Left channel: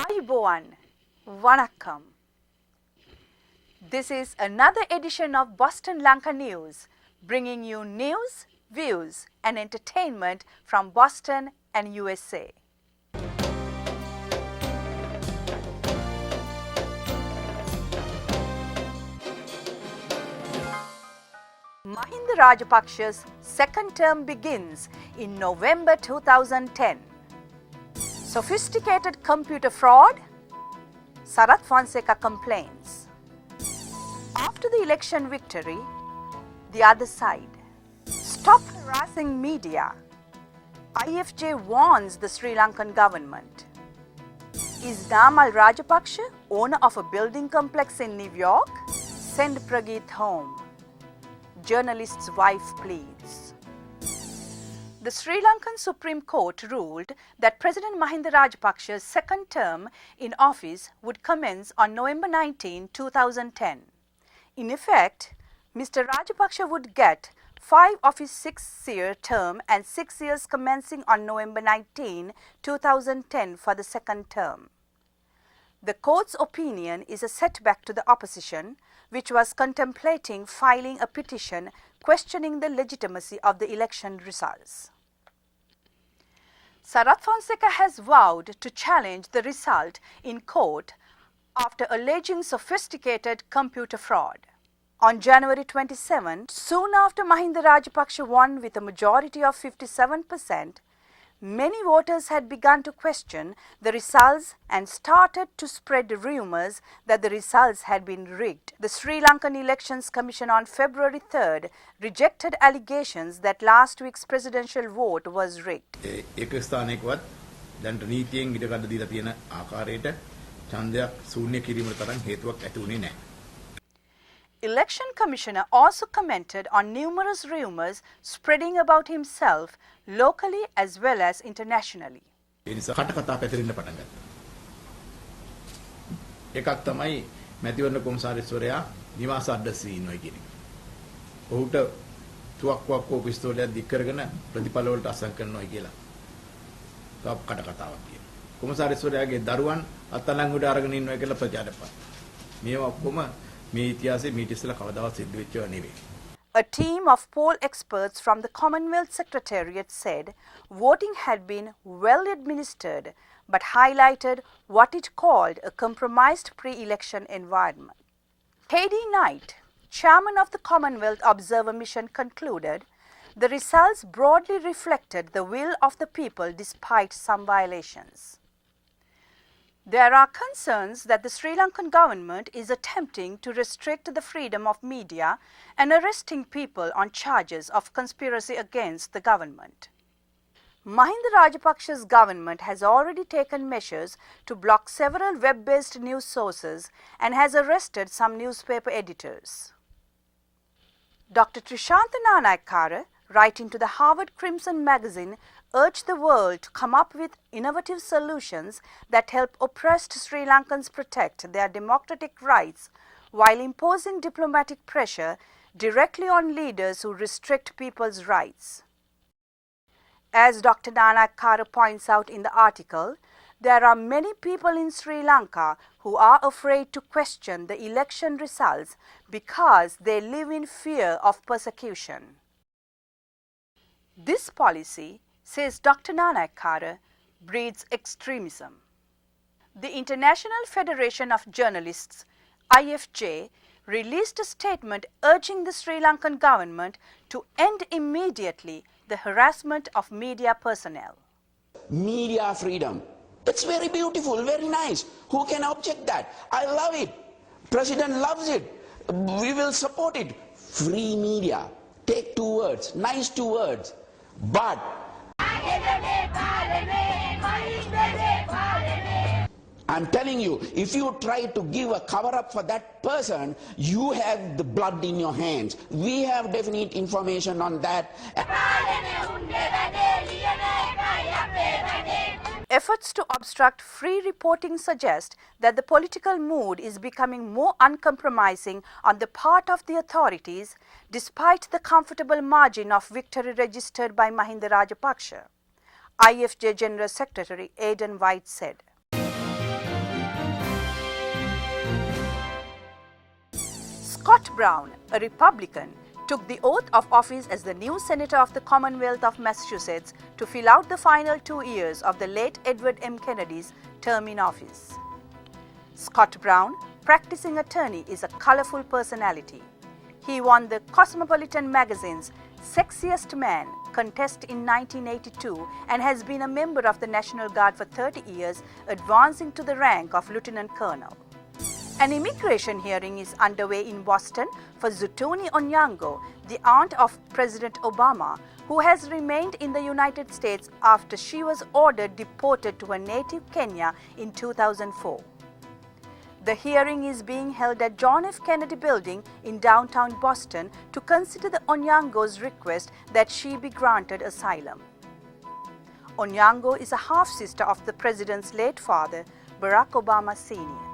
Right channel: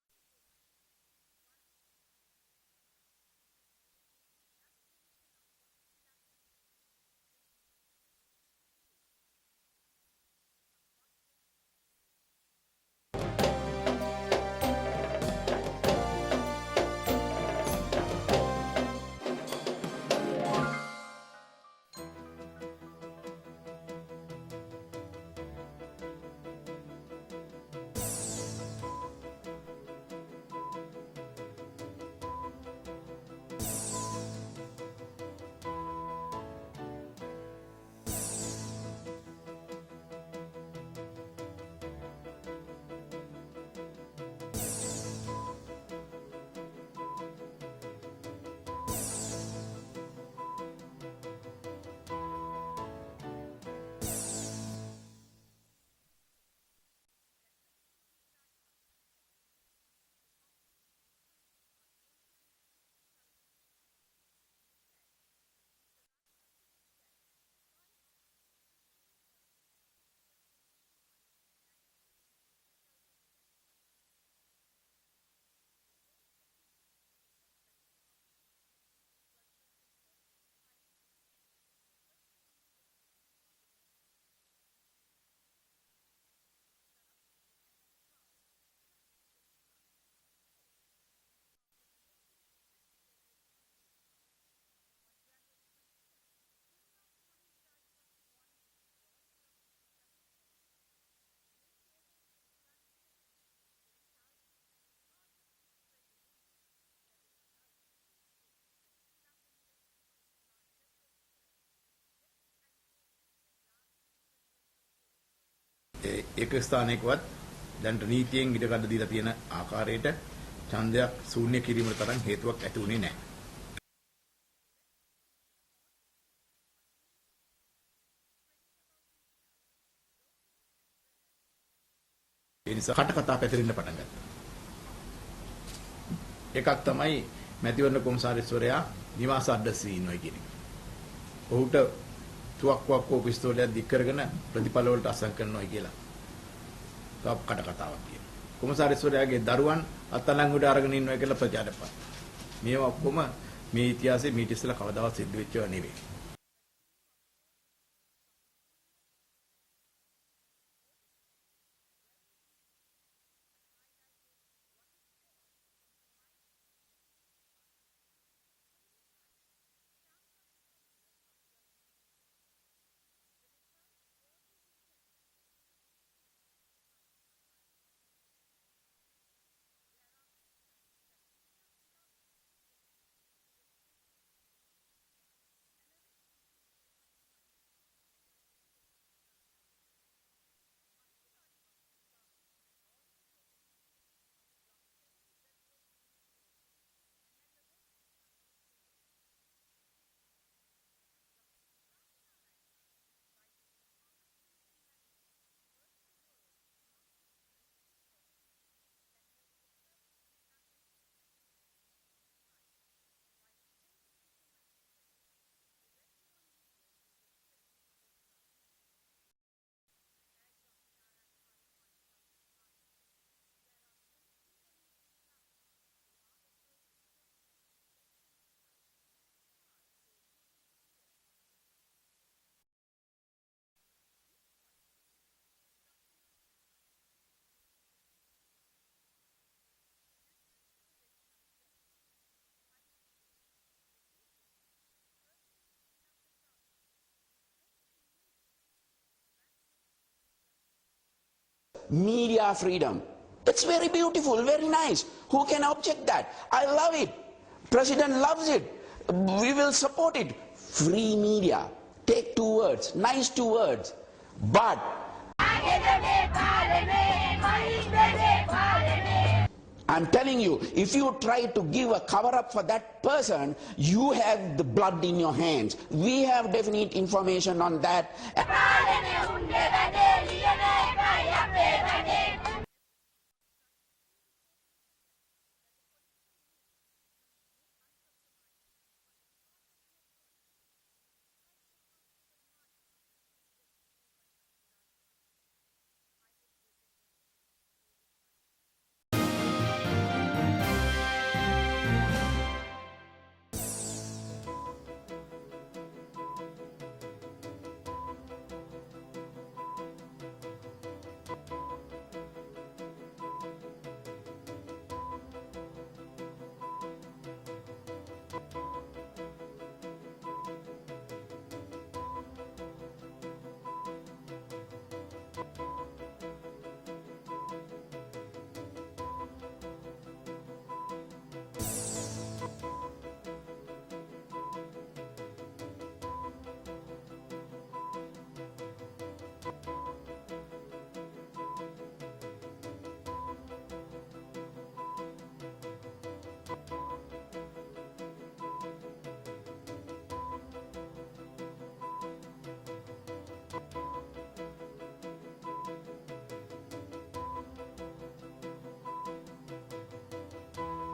Ayubowan, Vanakkam. This is another edition of Boston Lanka News, bringing you news, views and entertainment from Boston and USA. Mahinda Rajapaksha's second term begins in November 2010. Sophisticated computer fraud? Sarath Fonseca complains. After the election victory, the other side. Stop harassing media. IFJ warns the Sri Lankan government. Is Namal Rajapaksha owner of a building complex in New York? Send Prageet home. Journalist's wife pleads. The Sri Lankan Supreme Court ruled that President Mahinda Rajapaksha's second term in office would commence on November 19, 2010. In effect, Mr. Rajapaksha would get 5 of his 6-year term and 6 years commencing on November 19, 2010 for the second term. The court's opinion is a setback to the opposition, which was contemplating filing a petition questioning the legitimacy of the election results. Sarath Fonseca has vowed to challenge the result in court after alleging sophisticated computer fraud. On January 27, soon after Mahinda Rajapaksha won with a majority of 57%, many voters had begun to question the results and started to spread rumors that the results had been rigged. The Sri Lankan Elections Commission on February 3rd rejected allegations that last week's presidential vote was rigged. එක ස්ථානයකවත් දැන් නීතියෙන් ඉඩකඩ දීලා තියෙන ආකාරයට ඡන්දයක් ශූන්‍ය කිරීමට තරම් හේතුවක් ඇති වුණේ නැහැ. Election Commissioner also commented on numerous rumors spreading about himself locally as well as internationally. ඒ නිසා කටකතා පැතිරෙන්න පටන් ගත්තා. එකක් තමයි මැතිවරණ කොමසාරිස්වරයා නිවාස අඩ්‍රස් ඉන්නවා කියන එක. ඔහුට තුවක්කුවක් හෝ පිස්තෝලයක් දික් කරගෙන ප්‍රතිඵල වලට අසං කරනවා කියලා. තව කටකතාවක් කියනවා. කොමසාරිස්වරයාගේ දරුවන් අත්අඩංගුවට අරගෙන ඉන්නවා කියලා ප්‍රචාරයක් කරනවා. මේවා ඔක්කොම මේ ඉතිහාසයේ මීට ඉස්සෙල්ලා කවදාවත් සිද්ධ වෙච්ච ඒවා නෙවෙයි. A team of poll experts from the Commonwealth Secretariat said voting had been well administered but highlighted what it called a compromised pre-election environment. K.D. Knight, chairman of the Commonwealth Observer Mission, concluded the results broadly reflected the will of the people despite some violations. There are concerns that the Sri Lankan government is attempting to restrict the freedom of media and arresting people on charges of conspiracy against the government. Mahinda Rajapaksha's government has already taken measures to block several web-based news sources and has arrested some newspaper editors. Dr. Trishantha Nanayakkara, writing to the Harvard Crimson magazine, urged the world to come up with innovative solutions that help oppressed Sri Lankans protect their democratic rights while imposing diplomatic pressure directly on leaders who restrict people's rights. As Dr. Nanayakkara points out in the article, there are many people in Sri Lanka who are afraid to question the election results because they live in fear of persecution. This policy, says Dr. Nanayakkara, breeds extremism. The International Federation of Journalists, IFJ, released a statement urging the Sri Lankan government to end immediately the harassment of media personnel. Media freedom. It's very beautiful, very nice. Who can object that? I love it. President loves it. We will support it. Free media. Take 2 words, nice 2 words. But I'm telling you, if you try to give a cover-up for that person, you have the blood in your hands. We have definite information on that. Efforts to obstruct free reporting suggest that the political mood is becoming more uncompromising on the part of the authorities, despite the comfortable margin of victory registered by Mahinda Rajapaksha. IFJ General Secretary Aidan White said. Scott Brown, a Republican, took the oath of office as the new Senator of the Commonwealth of Massachusetts to fill out the final 2 years of the late Edward M. Kennedy's term in office. Scott Brown, practicing attorney, is a colorful personality. He won the Cosmopolitan magazine's Sexiest Man contest in 1982 and has been a member of the National Guard for 30 years, advancing to the rank of Lieutenant Colonel. An immigration hearing is underway in Boston for Zutuni Onyango, the aunt of President Obama, who has remained in the United States after she was ordered deported to her native Kenya in 2004. The hearing is being held at John F. Kennedy Building in downtown Boston to consider the Onyango's request that she be granted asylum. Onyango is a half-sister of the president's late father, Barack Obama Sr.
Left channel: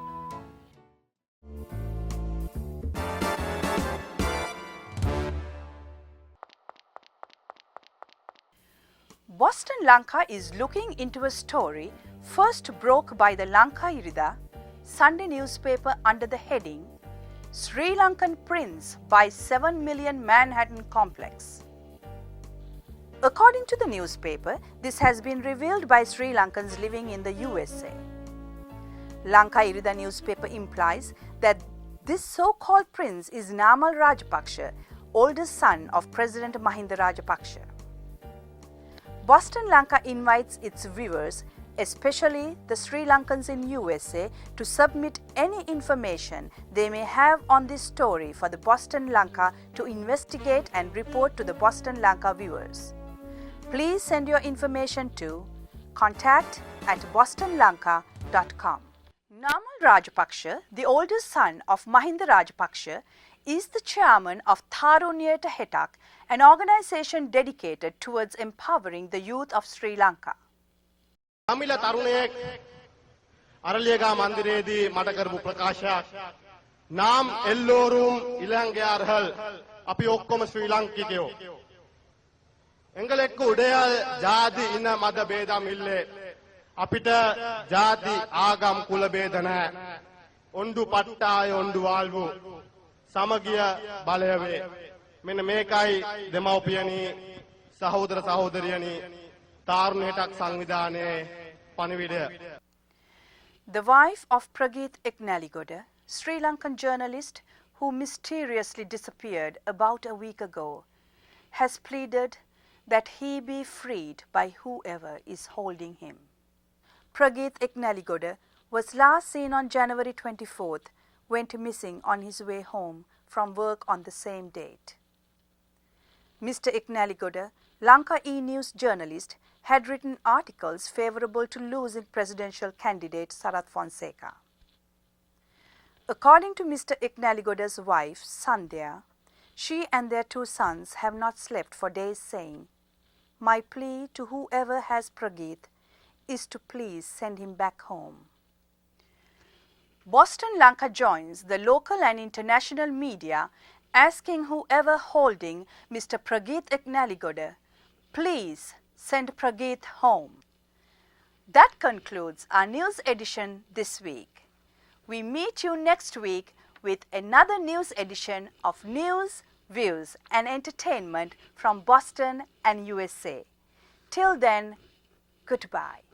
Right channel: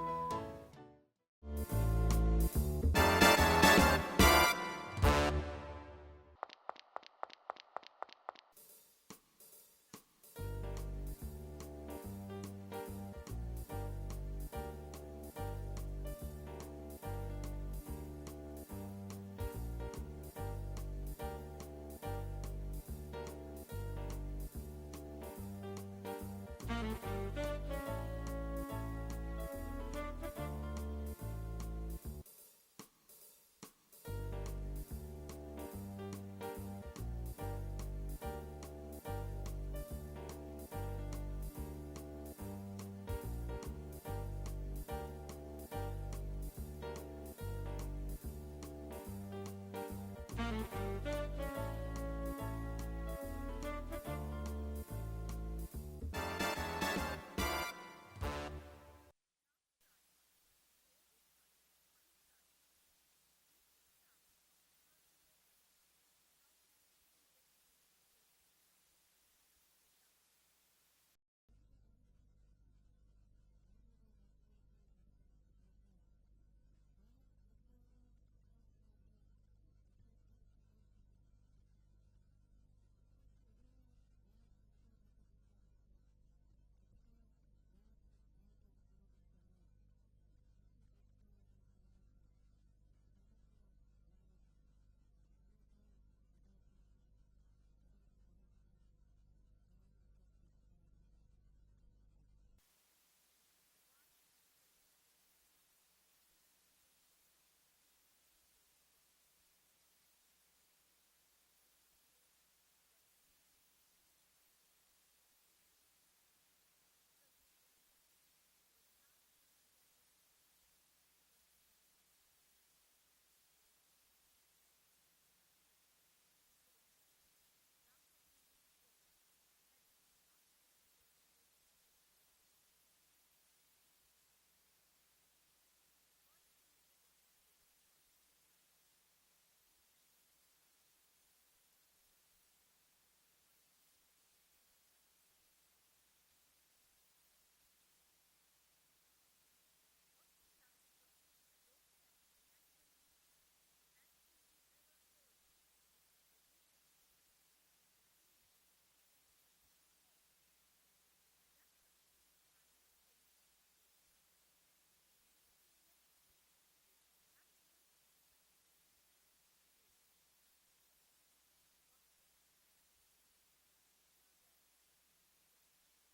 Boston Lanka is looking into a story first broke by the Lanka Irida Sunday newspaper under the heading Sri Lankan Prince buys 7 million Manhattan complex. According to the newspaper, this has been revealed by Sri Lankans living in the USA. Lanka Irida newspaper implies that this so-called prince is Namal Rajapaksa, oldest son of President Mahinda Rajapaksa. Boston Lanka invites its viewers, especially the Sri Lankans in USA, to submit any information they may have on this story for the Boston Lanka to investigate and report to the Boston Lanka viewers. Please send your information to contact@bostonlanka.com. Namal Rajapaksa, the oldest son of Mahinda Rajapaksa, is the chairman of Tharuniyata Hetak, an organization dedicated towards empowering the youth of Sri Lanka. අමිල තරුණයෙක් අරලියගා මන්දිරයේදී මට කරපු ප්‍රකාශයක් නාම් එල්ලෝරුම් ඉලංගයාරහල් අපි ඔක්කොම ශ්‍රී ලාංකිකයෝ එංගලෙක්ක උඩයල් ජාති ඉන මද බේදම් ඉල්ලේ අපිට ජාති ආගම් කුල බේද නැහැ ඔණ්ඩු පට්ටාය ඔණ්ඩු වාල්වු සමගිය බලය වේ මෙන්න මේකයි දෙමව්පියනි සහෝදර සහෝදරියනි The wife of Prageet Eknaligoda, Sri Lankan journalist who mysteriously disappeared about a week ago, has pleaded that he be freed by whoever is holding him. Prageet Eknaligoda was last seen on January 24th, went missing on his way home from work on the same date. Mr. Eknaligoda, Lanka E-News journalist, had written articles favorable to losing presidential candidate Sarath Fonseca. According to Mr. Eknaligoda's wife, Sandhya, she and their 2 sons have not slept for days, saying, "My plea to whoever has Prageet is to please send him back home." Boston Lanka joins the local and international media asking whoever holding Mr. Prageet Eknaligoda, please send Prageet home. That concludes our news edition this week. We meet you next week with another news edition of news, views and entertainment from Boston and USA. Till then, goodbye.